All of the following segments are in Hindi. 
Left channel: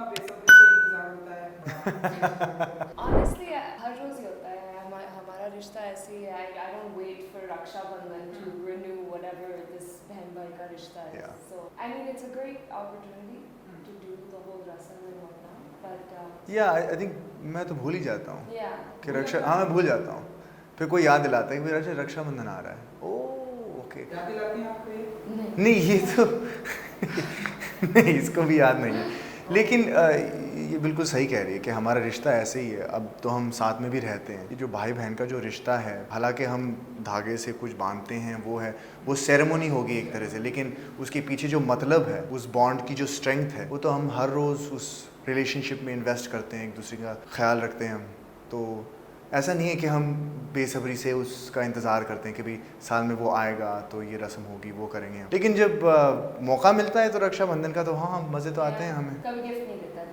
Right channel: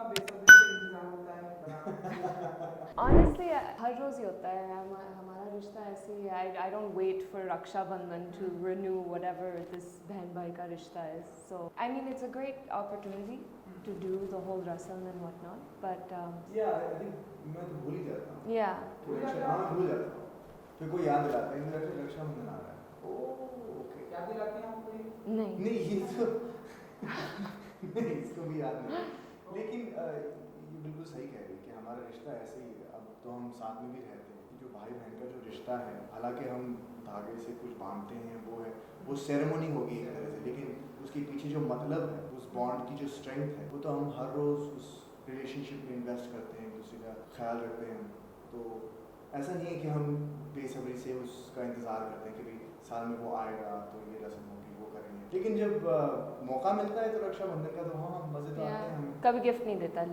बेसब्री से इंतजार होता है। Honestly, हर रोज ही होता है। हमारा रिश्ता ऐसे ही है। I don't wait for Rakshabandhan to renew whatever this बहन भाई का रिश्ता है। Yeah. So I mean it's a great opportunity to do the whole rasam and whatnot, but I think मैं तो भूल ही जाता हूँ yeah. कि मैं भूल जाता हूँ, फिर कोई याद दिलाता है कि मेरा रक्षाबंधन आ रहा है। Oh okay. याद दिलाती हैं आपको ये? नहीं ये तो नहीं, इसको भी याद नहीं है, लेकिन ये बिल्कुल सही कह रही है कि हमारा रिश्ता ऐसे ही है। अब तो हम साथ में भी रहते हैं। ये जो भाई बहन का जो रिश्ता है, हालांकि हम धागे से कुछ बांधते हैं, वो सेरेमनी होगी एक तरह से, लेकिन उसके पीछे जो मतलब है, उस बॉन्ड की जो स्ट्रेंथ है, वो तो हम हर रोज़ उस रिलेशनशिप में इन्वेस्ट करते हैं, एक दूसरे का ख्याल रखते हैं हम। तो ऐसा नहीं है कि हम बेसब्री से उसका इंतज़ार करते हैं कि भाई साल में वो आएगा तो ये रस्म होगी, वो करेंगे। लेकिन जब मौका मिलता है तो रक्षाबंधन का, तो हाँ मज़े तो आते हैं हमें। कभी गिफ्ट नहीं देता।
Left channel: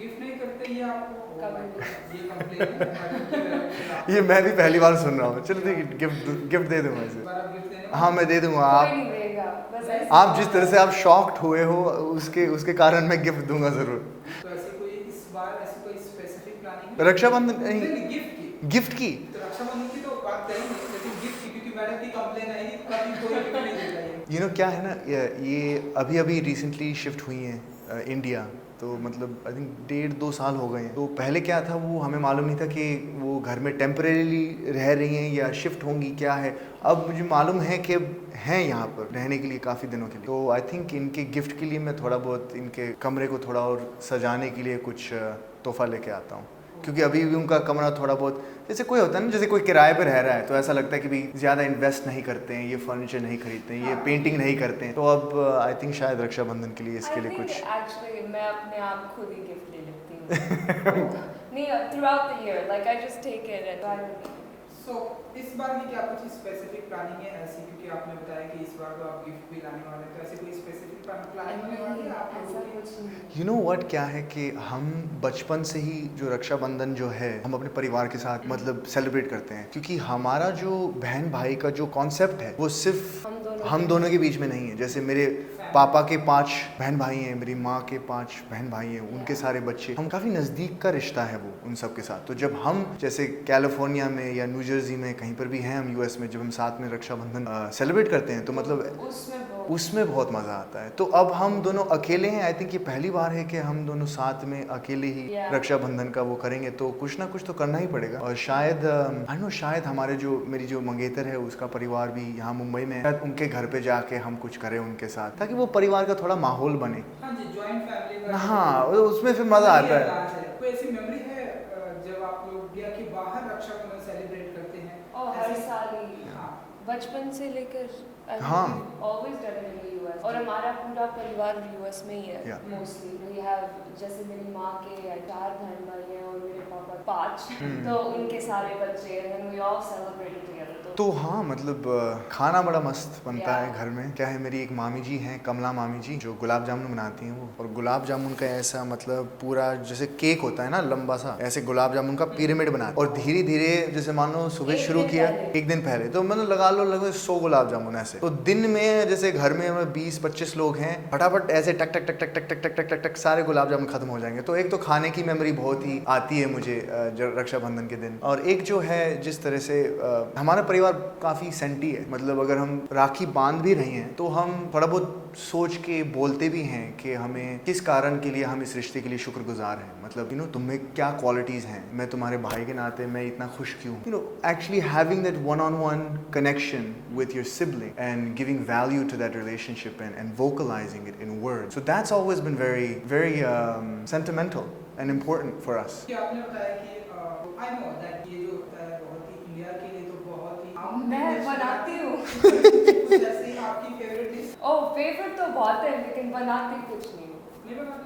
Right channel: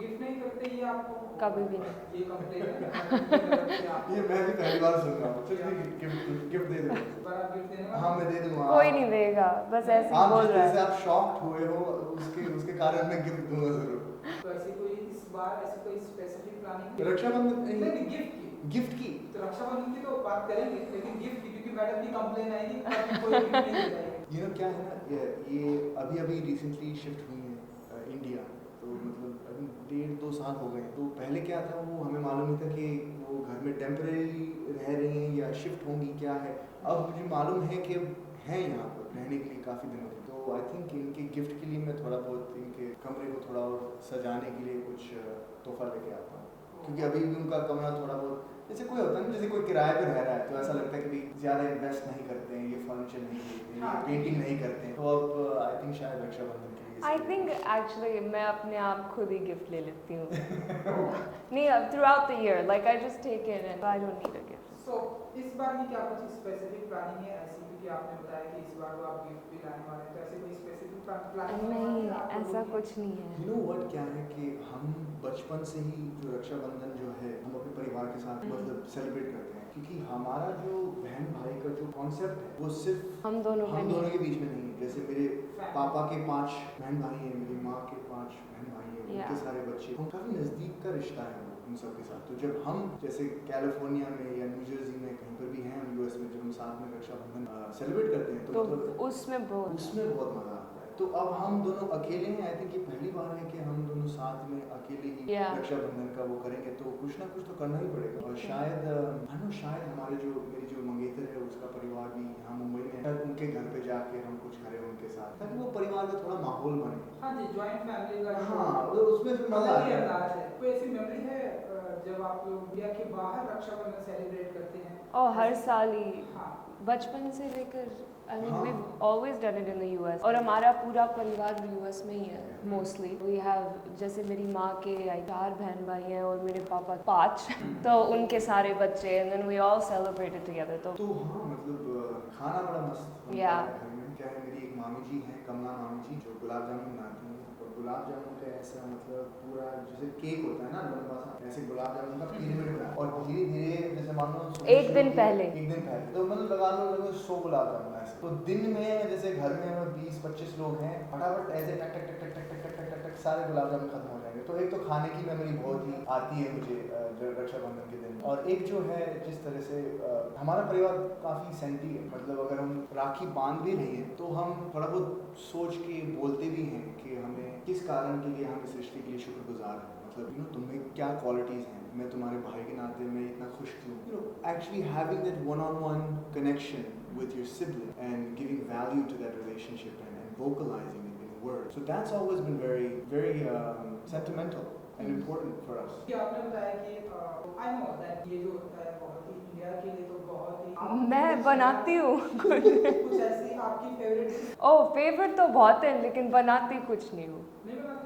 गिफ्ट नहीं करते ये आपको? कभी भी। ये कंप्लेन है। ये मैं भी पहली बार सुन रहा हूँ। चलो ठीक, गिफ्ट दे दूंगा इसे। पर आप गिफ्ट देने हाँ मैं दे दूंगा। कोई नहीं देगा, बस ऐसे आप जिस तरह से आप शॉक्ड हुए हो, उसके कारण मैं गिफ्ट दूंगा ज़रूर। तो ऐसी कोई इस बार ऐसी कोई स्पेसिफिक प्लानिंग है? रक्षाबंधन नहीं, गिफ्ट की। गिफ्ट की तो रक्षाबंधन की तो बात करेंगे, लेकिन गिफ्ट की, क्योंकि मैडम की कंप्लेन आई थी कि कोई गिफ्ट नहीं दे रहा है। यू नो क्या है ना, ये अभी रिसेंटली शिफ्ट हुई हैं इंडिया, तो मतलब आई थिंक 1.5-2 साल हो गए हैं। तो पहले क्या था, वो हमें मालूम नहीं था कि वो घर में टेम्परेरीली रह रही हैं या शिफ्ट होंगी, क्या है। अब मुझे मालूम है कि हैं यहाँ पर रहने के लिए काफ़ी दिनों के लिए। तो आई थिंक इनके गिफ्ट के लिए मैं थोड़ा बहुत इनके कमरे को थोड़ा और सजाने के लिए कुछ तोहफा लेके आता हूँ, क्योंकि अभी भी उनका कमरा थोड़ा बहुत, जैसे कोई होता है ना, जैसे कोई किराए पे रह रहा है तो ऐसा लगता है कि भाई ज़्यादा इन्वेस्ट नहीं करते हैं, ये फर्नीचर नहीं खरीदते हैं, ये पेंटिंग नहीं करते हैं। तो अब आई थिंक शायद रक्षाबंधन के लिए इसके लिए कुछ एक्चुअली मैं अपने आप खुद ही गिफ्ट ले लेती हूँ। नहीं, throughout the year like I just take it and I don't need it. So इस बार की क्या कुछ स्पेसिफिक प्लानिंग है ऐसी, क्योंकि आपने बताया कि इस बार तो आप गिफ्ट भी लाने वाले हैं, तो ऐसे कोई स्पेसिफिक प्लानिंग है आप ऐसा लोगों की? कुछ नहीं। यू नो व्हाट, क्या है कि हम बचपन से ही जो रक्षाबंधन जो है, हम अपने परिवार के साथ मतलब सेलिब्रेट करते हैं, क्योंकि हमारा जो बहन भाई का जो कॉन्सेप्ट है वो सिर्फ हम दोनों के बीच में नहीं है। जैसे मेरे पापा के 5 बहन भाई हैं, मेरी माँ के 5 बहन भाई हैं, उनके सारे बच्चे, हम काफ़ी नज़दीक का रिश्ता है वो उन सब के साथ। तो जब हम जैसे कैलिफोर्निया में या न्यू जर्सी में कहीं पर भी हैं हम यूएस में, जब हम साथ में रक्षाबंधन सेलिब्रेट करते हैं तो मतलब उसमें बहुत मज़ा आता है। तो अब हम दोनों अकेले हैं, आई थिंक ये पहली बार है कि हम दोनों साथ में अकेले ही रक्षाबंधन का वो करेंगे, तो कुछ ना कुछ तो करना ही पड़ेगा। और शायद शायद हमारे जो मेरी जो मंगेतर है उसका परिवार भी यहाँ मुंबई में है, शायद उनके घर पे जाके हम कुछ करें उनके साथ, ताकि वो परिवार का थोड़ा माहौल बने। हाँ जी, जॉइंट फैमिली का। हाँ, उसमें फिर मज़ा आता है। कोई ऐसी मेमोरी है जब आप लोग इंडिया के बाहर रक्षाबंधन सेलिब्रेट करते हैं? हर साल ही, हाँ, बचपन से लेकर हाँ। always done it in the US, और हमारा पूरा परिवार यूएस में ही है Yeah. मोस्टली। वी हैव, जैसे मेरी माँ के 4 बहन भाई हैं और मेरे पापा 5, तो उनके सारे बच्चे, and then we all celebrated together। तो हाँ मतलब खाना बड़ा मस्त बनता है Yeah. घर में। क्या है, मेरी एक मामी जी हैं, कमला मामी जी, जो गुलाब जामुन बनाती हैं वो, और गुलाब जामुन का ऐसा मतलब पूरा जैसे केक होता है ना लंबा सा, ऐसे गुलाब जामुन का पिरामिड बनाते हैं, और धीरे धीरे जैसे मान लो सुबह शुरू किया, एक दिन पहले तो मतलब लगा लो लगभग 100 गुलाब जामुन ऐसे। तो दिन में जैसे घर में 20-25 लोग हैं, फटाफट ऐसे टक टक टक टक टक टक टक टक टक टक सारे गुलाब जामुन खत्म हो जाएंगे। तो एक तो खाने की मेमोरी बहुत ही आती है मुझे रक्षाबंधन के दिन। और एक जो है जिस तरह से हमारा परिवार काफ़ी सेंटी है, मतलब अगर हम राखी बांध भी रही हैं तो हम थोड़ा बहुत सोच के बोलते भी हैं कि हमें किस कारण के लिए हम इस रिश्ते के लिए शुक्रगुजार हैं। मतलब तुम्हें क्या क्वालिटीज़ हैं, मैं तुम्हारे भाई के नाते मैं इतना खुश क्यों। Actually having that one-on-one connection with your sibling and giving value to that relationship and vocalizing it in words. So that's always been very, very sentimental and important for us. कि आपने बताया कि I know that ये जो होता है बहुत ही इंडिया के लिए तो बहुत ही मैं बनाती हूँ। जैसे आपकी फेवरेट डिश? फेवरेट तो बहुत है, लेकिन बनाती कुछ नहीं हूँ। नहीं बनाते?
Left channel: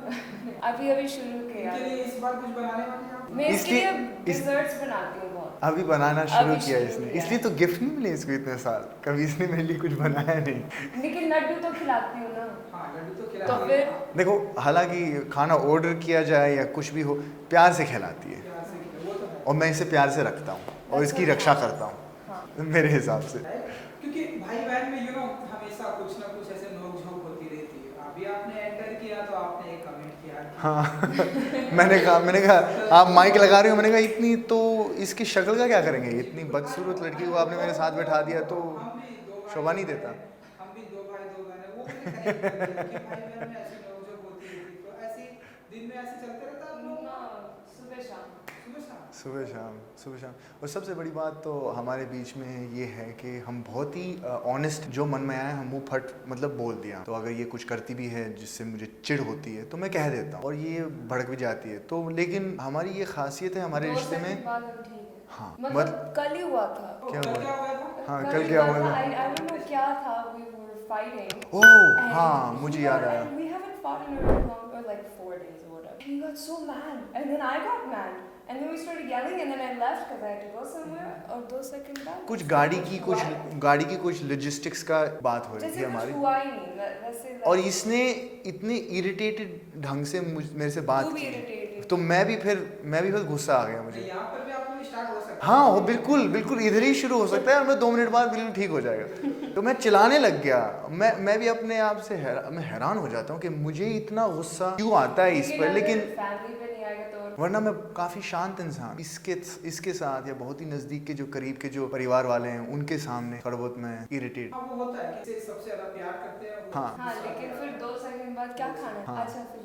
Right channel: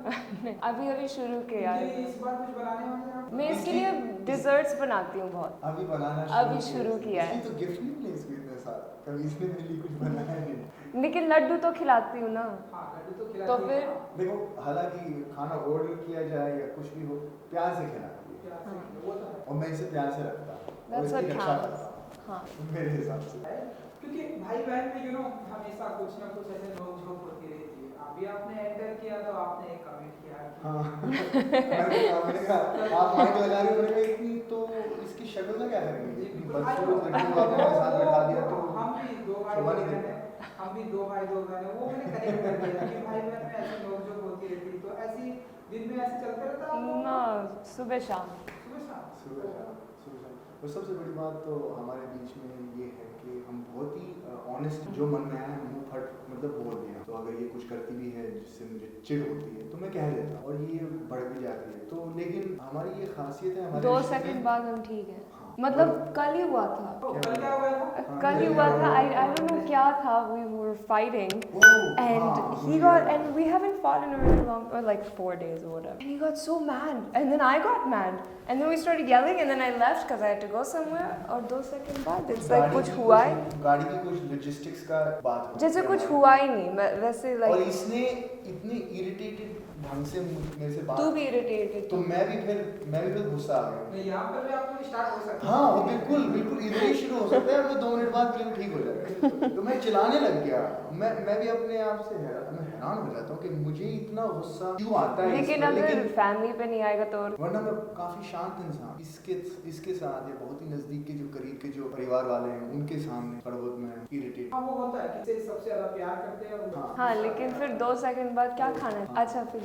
अभी शुरू किया इनके लिए इस बार कुछ बनाने वाले हैं आप? मैं इसके लिए डिजर्ट्स बनाती हूँ बहुत। अभी बनाना शुरू अभी किया शुरू इसने, किया इसलिए है। तो गिफ्ट नहीं मिले इसको इतने साल, कभी इसने मेरे लिए कुछ बनाया नहीं। लेकिन लड्डू तो खिलाती हूँ ना। हाँ, लड्डू तो खिला तो दिए। फिर देखो, हालांकि खाना ऑर्डर किया जाए या कुछ भी हो, प्यार से खिलाती है, प्यार से खिलाओ, वो तो है। और मैं इसे प्यार से रखता हूँ और That's इसकी what रक्षा happens. करता हूँ हाँ। मेरे हिसाब से। क्योंकि भाई बहन में हमेशा कुछ ना कुछ ऐसे नोक-झोंक होती रहती है। अभी आपने एंटर किया तो आपने एक कमेंट किया कि हाँ मैंने कहा आप माइक लगा रहे हो, मैंने कहा इतनी तो इसकी शक्ल का क्या करेंगे, इतनी बदसूरत लड़की को आपने मेरे साथ बैठा दिया तो हम भी दो भाई शोभा दो नहीं बहन देता। हैं, हम भी दो भाई दो बहन हैं। वो मैंने कनेक्ट कर दिया कि भाई बहन में ऐसी नोक-झोंक होती रहती है। तो ऐसी दिन में ऐसे चलते रहता है आप लोगों ना का? सुबह शाम सुबह शाम? सुबह शाम। और सबसे बड़ी बात तो हमारे बीच में ये है कि हम बहुत ही ऑनेस्ट, जो मन में आया हम मुंह फट मतलब बोल दिया। तो अगर ये कुछ करती भी है जिससे मुझे चिढ़ होती है तो मैं कह देता हूँ, और ये भड़क भी जाती है। तो लेकिन हमारी ये खासियत है हमारे 2 रिश्ते सेकंड में। बाद हम ठीक है। हाँ मतलब कल ही हुआ था। तो क्या कल हुआ? क्या हुआ था? हाँ, कल कल ही क्या हुआ हुआ था। था? I don't know क्या था। We were fighting. Oh And हाँ, he मुझे got, याद and आया। we haven't fought in a really long, or like 4 days or whatever. He got so mad, and then I got mad, and then we started yelling, and then I left because I had to go somewhere. और 2 सेकंड बाद कुछ it's गाड़ी like की हुआ ही- गाड़ी की कुछ लॉजिस्टिक्स का बात हो रही जैसे थी कुछ हमारी। हुआ ही नहीं। मैं वैसे और like इसने इतने इरिटेटेड ढंग से मेरे से बात तू भी की, irritated तो मैं भी फिर गुस्सा आ गया मुझे। यहाँ पर भी आप लोग स्टार्ट हो सकते हैं। हाँ वो बिल्कुल इधर ही शुरू हो सकता है, हमें 2 मिनट बाद बिल्कुल ठीक हो जाएगा। तो मैं चिल्लाने लग गया। मैं भी अपने आप से मैं हैरान हो जाता हूँ कि मुझे इतना गुस्सा क्यों आता है इस लेकिन पर। अगर लेकिन फैमिली पे नहीं आएगा तो वरना मैं काफी शांत इंसान, इसके साथ या बहुत ही नजदीक के जो करीब के जो परिवार वाले हैं उनके सामने थोड़ा बहुत मैं इरिटेट। हाँ वो होता है कि जिससे सबसे ज्यादा प्यार करते हैं वो हाँ। हाँ, दूसरा लेकिन प्यार फिर करता 2 सेकंड बाद क्या खाना है? हाँ। अच्छा फिर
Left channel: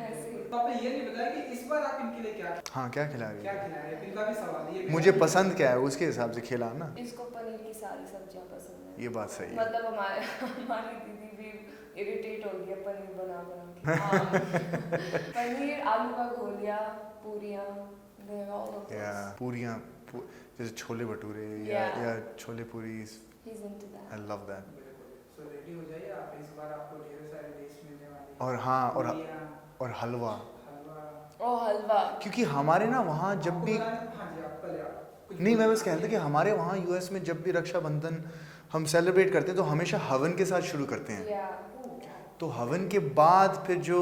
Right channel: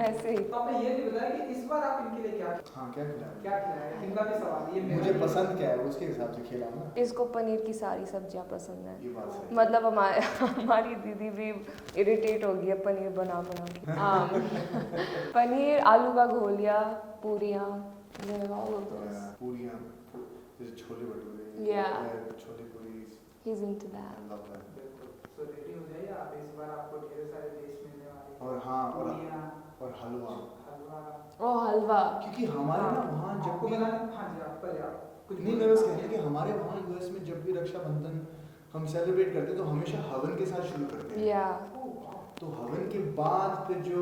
ऐसे ही। है। तो आपने ये नहीं बताया कि इस बार आप इनके लिए हाँ क्या खिला रही क्या है? खिलाए? इनका भी सवाल ये मेरा मुझे भी- पसंद क्या है उसके हिसाब से खिलाना। इसको पनीर की सारी सब्जियां पसंद है। ये बात सही है। मतलब हमारी दीदी भी इरिटेट हो गई है पनीर बना के। पनीर, आलू का घोलिया, पूरियाँ, या पूरियाँ जैसे छोले भटूरे Yeah. या छोले पूरी। he's into that. I love that. तो रेडी हो जाइए आप, इस बार आपको ढेर सारे डिश मिलने वाले हैं। और हाँ पूरियाँ, और हलवा, हलवा। ओह हलवा। क्योंकि हमारे ना वहाँ जब आपको भी बनाना- हाँ जी, आप पहले आप कुछ नहीं, मैं बस बोलिए। कहता कि हमारे वहाँ यूएस में जब भी रक्षाबंधन हम सेलिब्रेट करते हैं तो हमेशा हवन के साथ शुरू करते हैं। Yeah. तो हवन के बाद फिर जो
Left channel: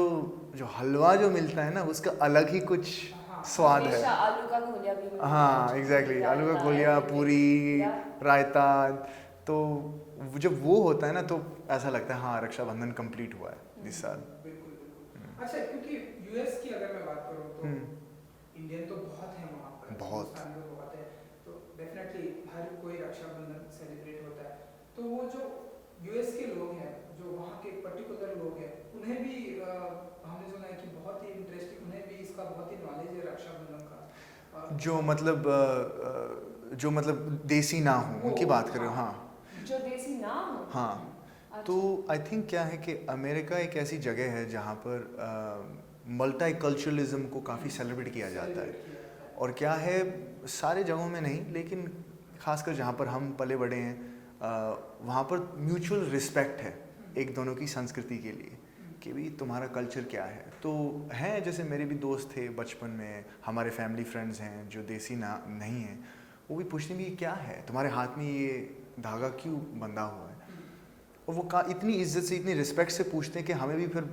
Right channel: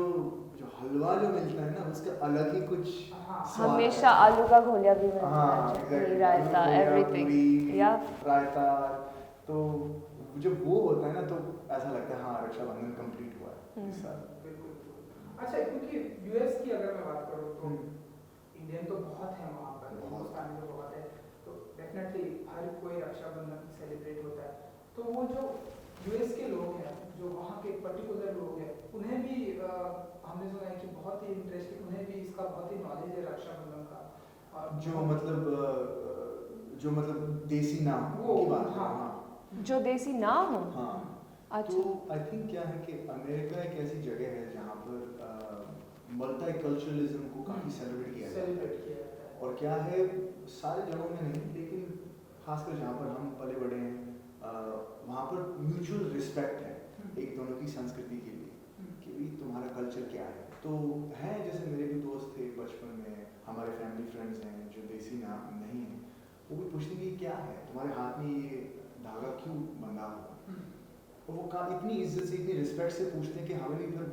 हलवा जो मिलता है ना उसका अलग ही कुछ हाँ, स्वाद हमेशा है। आलू का घोलिया भी बनता है। हाँ चटनी, एग्जैक्टली, आलू का रायता, गुलिया, everything. पूरी, Yeah. रायता। तो जब वो होता है ना तो ऐसा लगता है हाँ रक्षाबंधन कंप्लीट हुआ है इस साल। बिल्कुल बिल्कुल। अच्छा, क्योंकि यूएस की अगर मैं बात करूँ तो इंडियन तो बहुत है वहाँ पर, बहुत। हिंदुस्तानी तो बहुत है। तो डेफिनेटली हर कोई रक्षाबंधन सेलिब्रेट होता है। तो वो जो यूएस के लोग हैं, जो वहाँ के पर्टिकुलर लोग हैं, उन्हें भी हमने सुना है कि बहुत ही इंटरेस्टिंग, उन्हें भी इसका बहुत ही नॉलेज है रक्षाबंधन का। जो मतलब देसी ना हो उनकी बात कर रहा हूँ। हाँ जो देसी ना हो। हाँ। अच्छा। तो आई थिंक क्या है कि अमेरिका एक ऐसी जगह है जहाँ पर मल्टीकल्चरलिज्म को काफ़ी सेलिब्रेट किया जाता है। और क्या है, सारे जगहों में नहीं लेकिन खासकर जहाँ पर हम पले बड़े हैं वहाँ पर म्यूचुअल रिस्पेक्ट है एक दोनों की संस्कृति के लिए कि भाई तुम्हारा कल्चर क्या है। तो हैं जैसे मेरे भी दोस्त थे बचपन में, हमारे फैमिली फ्रेंड्स हैं जो देसी ना नहीं हैं, वो भी पूछते हैं कि क्या है तुम्हारे हाथ में ये धागा क्यों बंधा हुआ है। और वो इतनी इज्जत से इतनी रिस्पेक्ट से पूछते हैं कि हमें भी फिर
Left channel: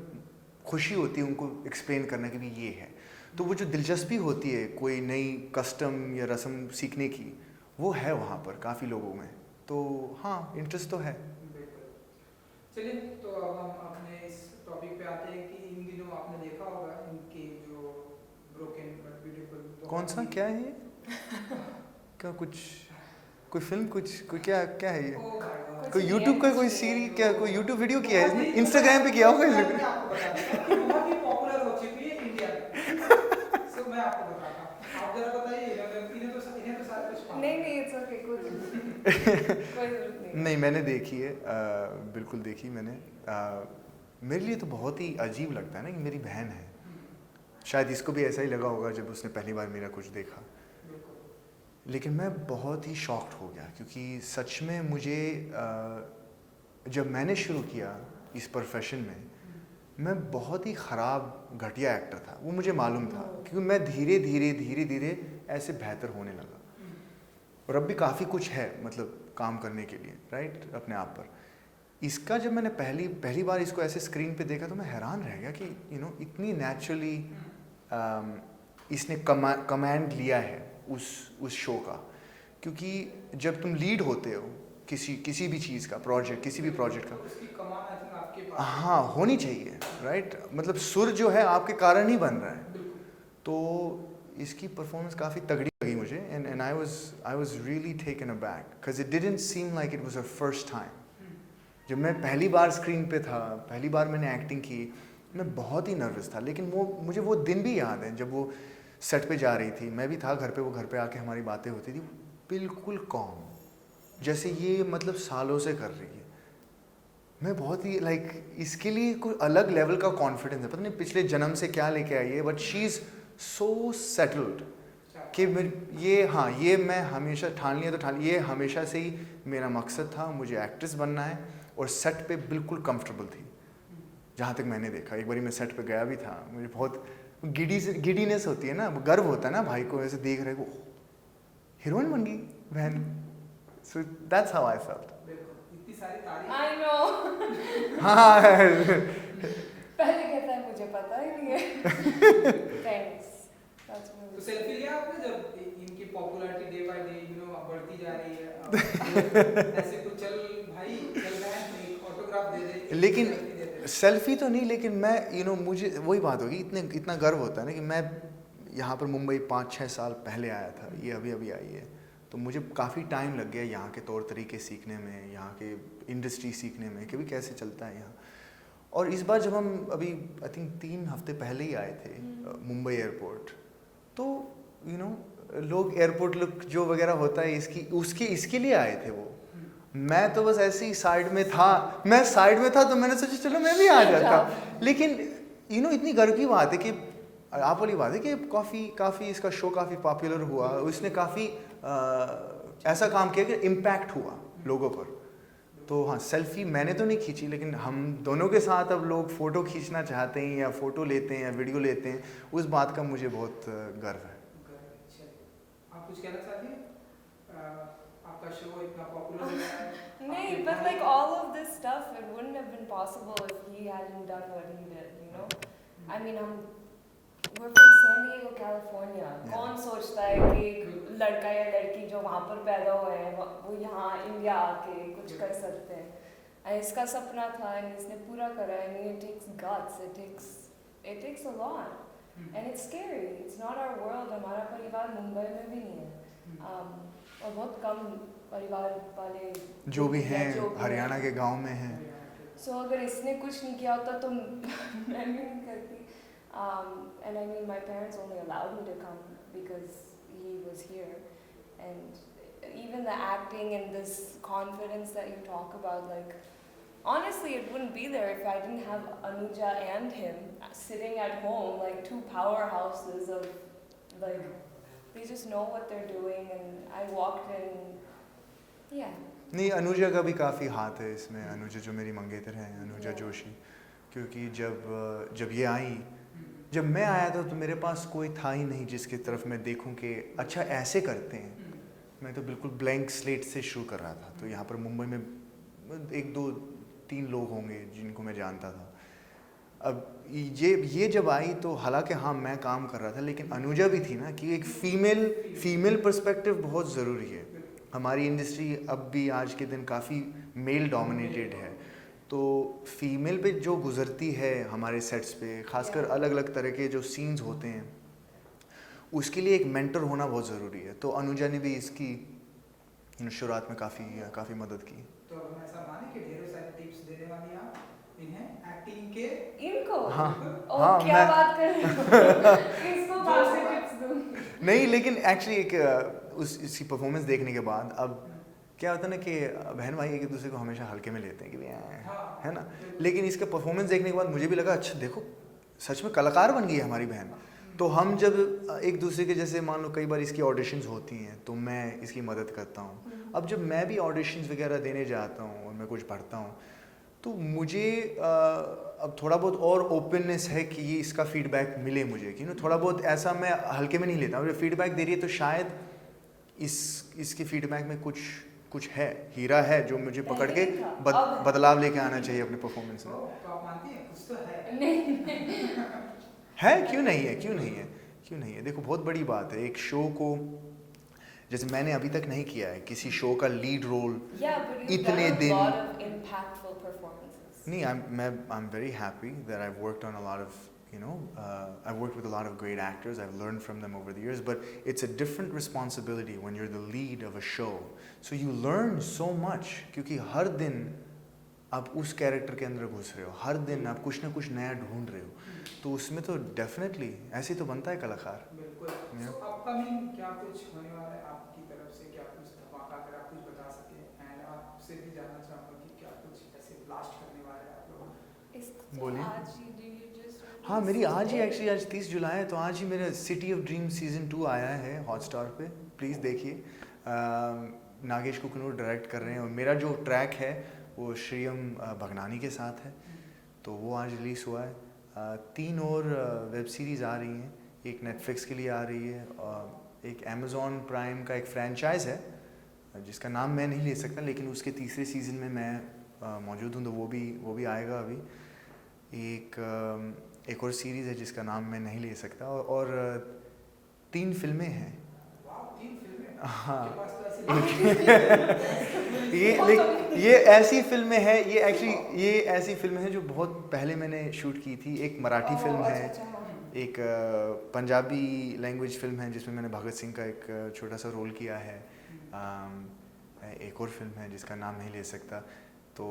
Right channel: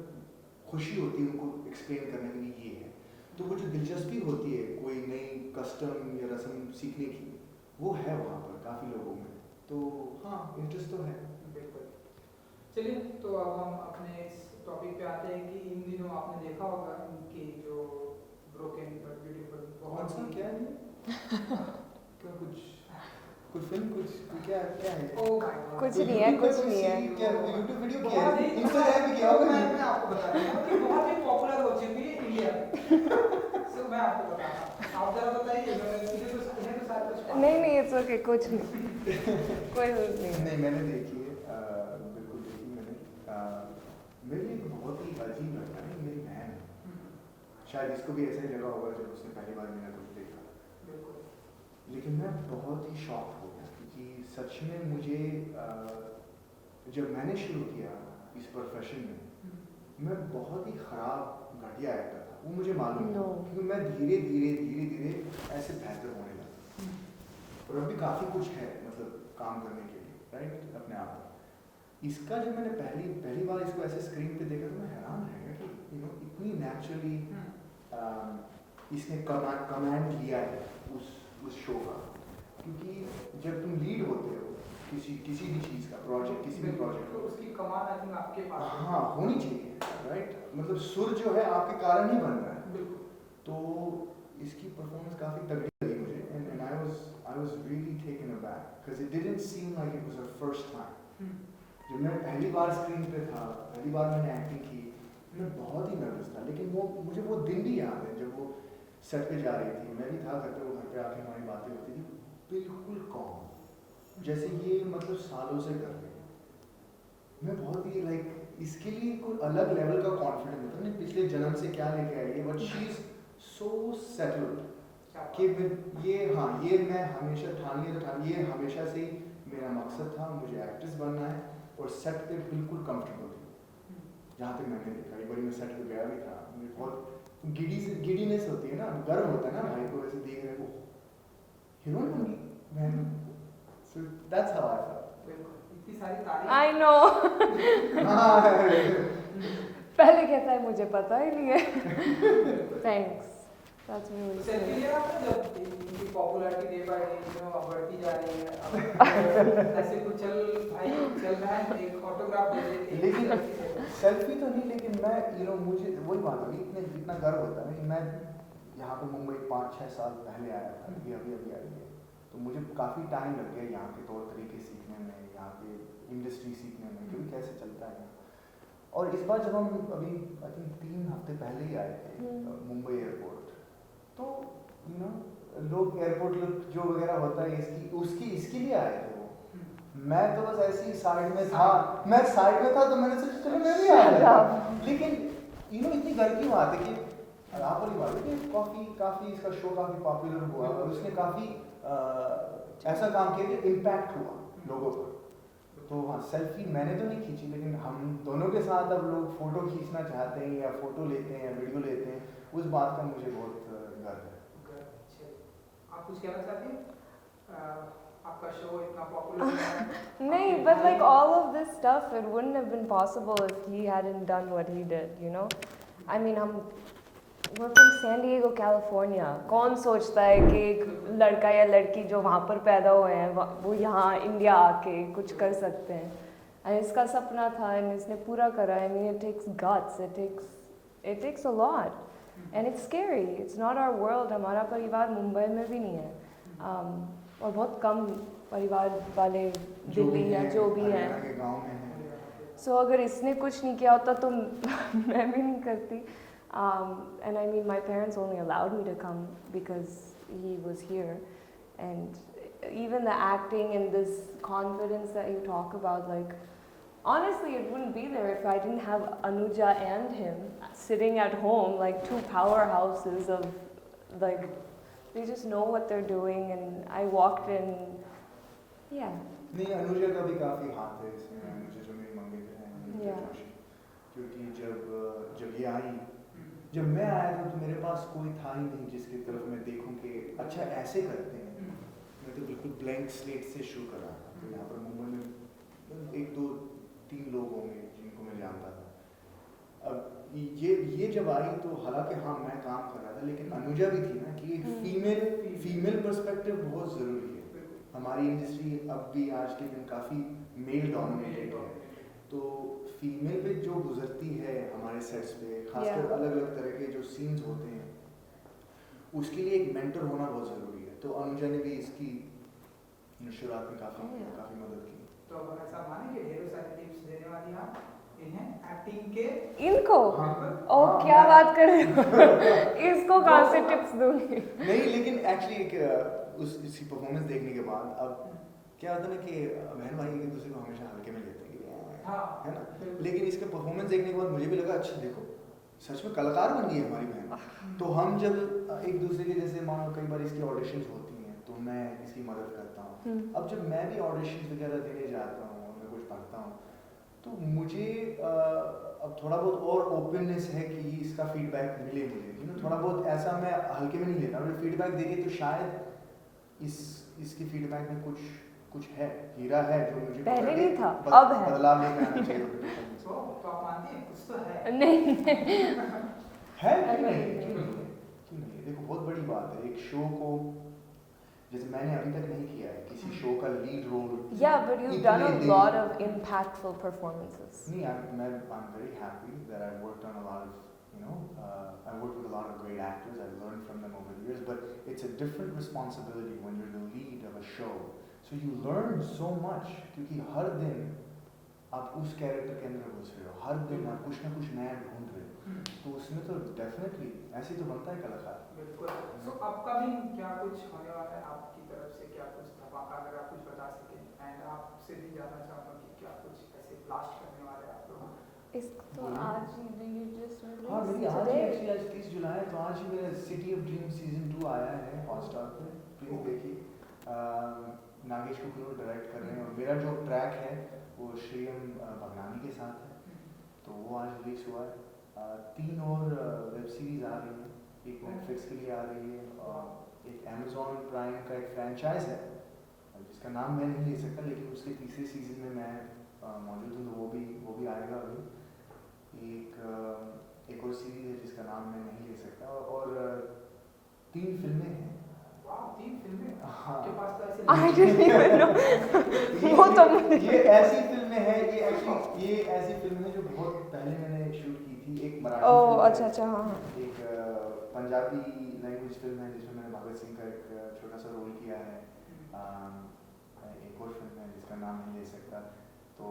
खुशी होती है उनको एक्सप्लेन करने की भी ये है। तो वो जो दिलचस्पी होती है कोई नई कस्टम या रस्म सीखने की, वो है वहाँ पर काफ़ी लोगों में। तो हाँ इंटरेस्ट तो है। बिल्कुल। चलिए, तो अब हम अपने इस टॉपिक पे आते हैं कि इन दिनों आपने देखा होगा इनकी जो ब्रोकन बट ब्यूटीफुल। कौन सा क्या है ये? क्या कुछ कोई फिल्म कोई क्या है ये? कुछ कोई नहीं है, यूट्यूब का कुछ कोई नहीं है। सीरीज क्या कोई यूट्यूब वीडियो किया है, इंस्टाग्राम पे किया होगा मैं ये? आपको बता दूंगा कि बहुत ही पॉपुलर हो चुकी है इंडिया में। सो मैं आपको बताता हूँ, आप जरा बताइए। इन्हें तो सारे कुछ नहीं इट्स ओके, कुछ नहीं। कोई जरूरत नहीं। नहीं मैंने देखी है, बिल्कुल देखी मैंने। मेरे लिए तो बहुत ही अजीब लगता है ना कि मेरी बहन है। शायद इसको भी ऐसा ही लगा होगा जब उसने पहली बार मेरा कुछ देखा। लेकिन मैं बहुत ही शॉक्ड हो गया क्योंकि सच में मुझे जब मैंने शुरू किया इस प्रोफेशन में, मैं बहुत ही ख़राब घटिया एक्टर था, वो मुझे मालूम था। क्योंकि मैं धीरे धीरे ऐसे बेहतर होने लगा। और अब भी काफ़ी कुछ है मतलब काम करने के लिए, राइट, अपने आप पर। इसका जब मैंने पहली बार इसको ऐसे स्क्रीन पे देखा तो मैं हैरान रह गया कि इतनी नेचुरली इसने कमांड लिया है उस शो का। क्योंकि जब तुम लीड होते हो किसी भी चीज़ का प्रोजेक्ट, किसी भी प्रोजेक्ट का, तो उसकी कमान आई थिंक आपके पास है। हाँ होनी चाहिए, राइट। मतलब सुर जो है आपके कारण ही बन रहा है। बिल्कुल। तो इसकी परफॉर्मेंस काफ़ी तगड़ी लगी मुझे, and I was really taken aback because it didn't seem like it was a first time. जब मैं पहली बार स्क्रीन पे था, पहली बार मैंने एक्टिंग की, मैं बहुत ही नर्वस था। लेकिन मुझे वो दिन भी याद है जब वो सेट पे जा रही थी, मैं भी था घर पे, वो घर पे आके हमारी बातें होती थी, बिल्कुल कॉम, जैसे ये मतलब सालों से कर रही है। मैं बहुत ही इसके लिए कोई अलग लेवल का कॉन्फिडेंस है, पता नहीं पिछले जन्म से क्या लेके आई है, but she is so settled कि ये मैं हमेशा ठान लिया, तो ठान, ये हमेशा से ही मेरा मकसद था, मुझे एक्ट्रेस बनना है। और सेट पे बिल्कुल कंफर्टेबल थी, जहाँ तक मैंने देखा। एक बार मैं सेट पे गया भी था, मुझे बहुत गिडीनेस होती है ना, गर्व होता है ना भाई को ऐसे देख रहे को, हीरोइन बन गई बहन। So that's how I felt. बिल्कुल, इतनी सारी तारीफ। I know. हाँ पहले कहता है मुझे पता ही नहीं है। Thanks. That's तो really सेल्फी sweet. लिया आपने जब इनकी पॉपुलैरिटी डे बाय डे अब बढ़ती जा रही है, अब ऐसे कुछ चल भाई चल बहन एक ऑटोग्राफ दे दे, लेकिन selfie दे दे। सेल्फी तो नहीं, लेकिन मैं मुझे वही बात होगी, इतना गर्व होता है ना कि मैं यहाँ पर मुंबई 5-6 साल पहले आया था, ये अभी आई है। तो मुझे काफ़ी टाइम लग गया यहाँ के तौर तरीके सीखने में, यहाँ के इंडस्ट्री सीखने में कि भी कैसे चलता है यहाँ। और इस बार जब हम अभी आई थिंक 3 हफ्ते पहले ही आए थे मुंबई एयरपोर्ट, तो लोग एयरपोर्ट लुक जो वगैरह होता है इसके लिए आए थे वो। मैं तो बस ऐसे ही साइड में था, तो मैंने सोचा चलो मैं भी आ जाता। लेकिन इतनी गर्व की बात है कि आप वाली बात है कि काफ़ी इसका शो काफ़ी पॉपुलर हुआ, उसने काफ़ी ऐसा काम किया कि इम्पैक्ट हुआ लोगों पर। तो हाँ, सेल्फी मैंने तो नहीं खींची, लेकिन हम दोनों के साथ अब लोग फ़ोटो खींचना चाहते हैं या फ़ोटो लेते हैं या वीडियो लेते हैं, उस बात का मुझे बहुत गर्व है। आप कुछ कहना चाहती हैं? आपका शो इतना पॉपुलर हो गया है। नहीं, but like all of this stuff, it wouldn't have been possible if he hadn't done what he did, you know? I mean, we're from San Diego, California. कौन सोचता है कि एक लड़का या लड़की जो वहाँ पर पैदा हुए हैं वो यहाँ इंडिया आके कुछ कर सकते हैं? And इसका सपना था and इसने पूरा करा। I mean, it takes guts, it takes a lot, and it's scary. It's not our world. हमारा परिवार मुंबई में भी नहीं है, और बहुत कम परिवार वाले जो भी हैं हैं। हरियाणा के गांव में हैं। So अगर इसने कुछ नहीं किया होता तो मैं भी नहीं करती। And I mean, my parents only allowed me to come because he was here. And even the acting and this confidence that you talk about, like, honestly, it wouldn't be there if I didn't have Anuja and him sitting at home, like 2 powerhouses of, like, they just know what they're doing. And I walked in, yeah. नहीं, अनुजा का भी काफ़ी हाथ है इसमें। अनुजा जो मेरी मंगेतर है, अनुजा जोशी, क्योंकि जब ये आई, जब मैं आया था तो मेरे पास कोई था ही नहीं जिसकी तरफ मैं देखूं कि अच्छा ऐसे करते हैं। मैं तो बिल्कुल ब्लैंक स्लेट से शुरू कर रहा था। तो यहाँ पर मुंबई में 1, 2, 3 लोग होंगे जिनको मैं जानता था। अब ये जब आई तो हालांकि हाँ मैं काम कर रहा था, लेकिन अनुजा भी थी ना, कि एक फीमेल पर्सपेक्टिव बहुत ज़रूरी है। हमारी इंडस्ट्री अब भी आज के दिन काफ़ी मेल डोमिनेटेड है, तो फीमेल पे जो गुजरती है हमारे सेट्स पे, खासकर अलग अलग तरह के जो सीन्स होते हैं, उसके लिए एक मेंटर होना बहुत ज़रूरी है। तो अनुजा ने भी इसकी शुरुआत में काफ़ी मदद की। तो हम ऐसा माने कि ढेरों सारी टिप्स देने वाली आप इन्हें एक्टिंग के इनको हाँ, क्या बात कर रहे हो? इसको कहाँ से टिप्स दूंगी? नहीं, लेकिन एक्चुअली इसकी परफॉर्मेंस देखने के बाद अब क्या होता है ना कि बहन भाई एक दूसरे को हमेशा हल्के में लेते हैं कि है ना, लेकिन इसका परफॉर्मेंस देखने के बाद मुझे भी लगा अच्छा देखो सच में कलाकार बन गई है हमारी बहन। तो हम जब एक दूसरे के, जैसे मान लो कई बार इसकी ऑडिशंस होती हैं तो मैं इसकी मदद करता हूँ। अब जब मैं भी ऑडिशंस वगैरह देने जाता हूँ और मैं कुछ पढ़ता हूँ तो मुझे अब थोड़ा बहुत और ओपननेस है कि ये इसका फीडबैक मिले मुझे, कि थोड़ा बहुत ऐसा मैं हल्के में नहीं लेता हूँ। फीडबैक दे रही है तो शायद इसके फीडबैक में कुछ है, हीरा है जो मुझे पकड़ के बदलाव लेके आना चाहिए अपने परफॉर्मेंस में। तो आप मानती हैं कुछ तो है? नहीं है, क्यों नहीं है। देखो बहुत बड़ी बात है एक शो को जैसे मैंने अभी तक नहीं किया है किसी शो का lead role. Yeah, but you've इतने done a दिन- lot of impactful performances. नहीं, I'm very happy that I've worked on a lot of, I've worked with a lot of great actors. I've learned from them over the years, but it's a different responsibility when you're the lead of a show. So you learn so much क्योंकि हर दिन आप उस कैरेक्टर के अंदर घुस रहे हो, हर दिन आप कुछ ना कुछ नया ढूंढ रहे हो, तो उसमें तो डेफिनेटली ऐसे तो बनता है कलाकार. बिल्कुल. So अपकमिंग क्या कुछ होने वाला है आपकी तरफ से, क्या कुछ धमाका अगर आप कुछ बता सकें, एंड आपसे भी जानना चाहूँगा कि क्या कुछ ऐसे ब्लास्ट करने वाले हैं आप लोग. इसको बोलिए. आज ही do you just release हाँ, मेरी आज ही today? एक्चुअली आज 30 जुलाई है, तो आज ही मेरा सिटी ऑफ ड्रीम सीजन 2 आया है हॉटस्टार पे. प्लीज़ देखिए. नागेश कुकनूर डायरेक्ट कर रहे हैं और मेरा जो ट्रैक है वो श्रीयम भगनानी के साथ है, तो वो आज रिलीज़ हुआ है. 3 और वेब सीरीज़ आ रही हैं. एक नेटफ्लिक्स के लिए आ रही है, एक अमेज़ॉन प्राइम का एक फ्रेंचाइज है जिसका नाम मैं नहीं ले सकता, लेकिन उसके तीसरे सीज़न में मैं मौजूद हूँ, तो वो भी आएगा अभी. एक और सीरीज़ है जिसका नाम मैं नहीं ले सकता, और 3 फिल्में हैं. वाह, 3 फिल्में. हाँ. आपके पास तो ऐसे I didn't even know. वो तो ये ऐसी फिल्में हैं, ये ऐसी फिल्में हैं जो बहुत पहले मैंने शूट की थी. एक मराठी Oh, फिल्म अच्छा है, अच्छा हाँ. एक पंजाबी लैंग्वेज फिल्म है जिसमें मैंने भगत सिंह का एक छोटा सा रोल किया है. एक और फिल्म है जिसका नाम नहीं ले सकता. तो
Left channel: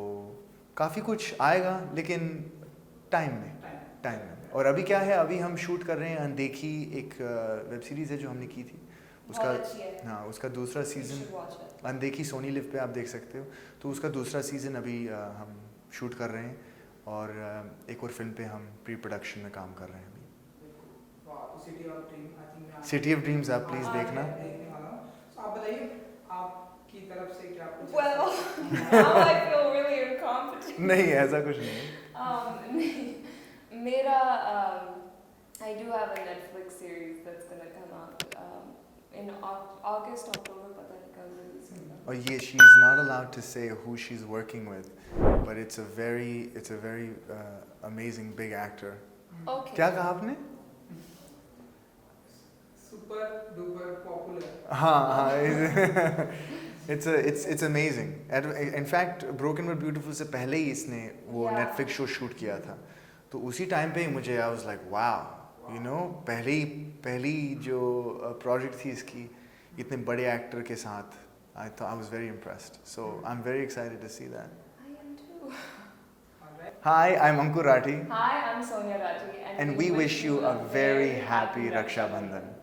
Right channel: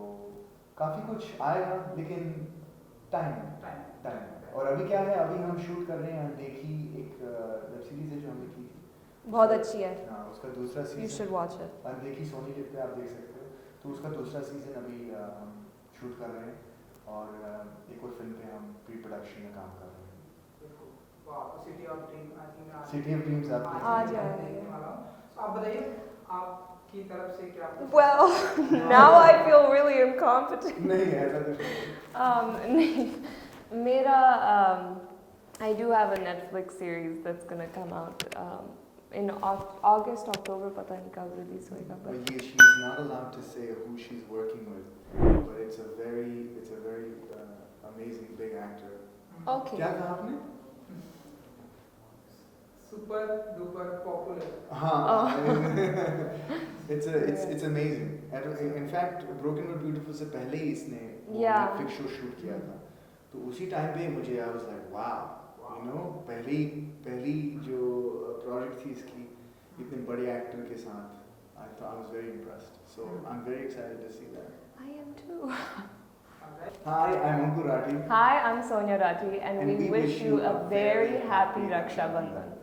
काफ़ी कुछ आएगा, लेकिन टाइम में. और अभी क्या है, अभी हम शूट कर रहे हैं अनदेखी, एक वेब सीरीज़ है जो हमने की थी. बहुत अच्छी है. हाँ, उसका दूसरा You should season watch it. अनदेखी सोनी लिव पे आप देख सकते हो. तो उसका दूसरा सीज़न अभी हम शूट कर रहे हैं, और एक और फिल्म पे हम प्री प्रोडक्शन में काम कर रहे हैं अभी. बिल्कुल. वाह, तो city of dream I think city of dreams आप प्लीज़ हाँ, देखना. देखने वाला हूँ. तो आप बताइए आपकी तरफ से क्या कुछ. Well, now I feel really incompetent. नहीं, ऐसा कुछ नहीं. नहीं, मेरा I do have a Netflix series that's gonna come out in August, October, पता नहीं कब release होगा. और ये she's not allowed to say who she's working with, but it's a very amazing big actor. Okay. क्या कहा आपने? Super duper popular. हाँ. It's amazing. In fact, Broken but Beautiful से पहले ही इसने वो Yeah. Netflix शो शूट किया था. तो उसी टाइम पे ही मुझे I was like wow, पहली जो प्रोजेक्ट थी इसकी इतने बड़े एक्टर के साथ. I was very impressed. So I'm very excited to see that. I am too. Hi, I'm Ankur Rathi. Hi, I'm Sonia Rathi, And we wish you a very happy Raksha Bandhan.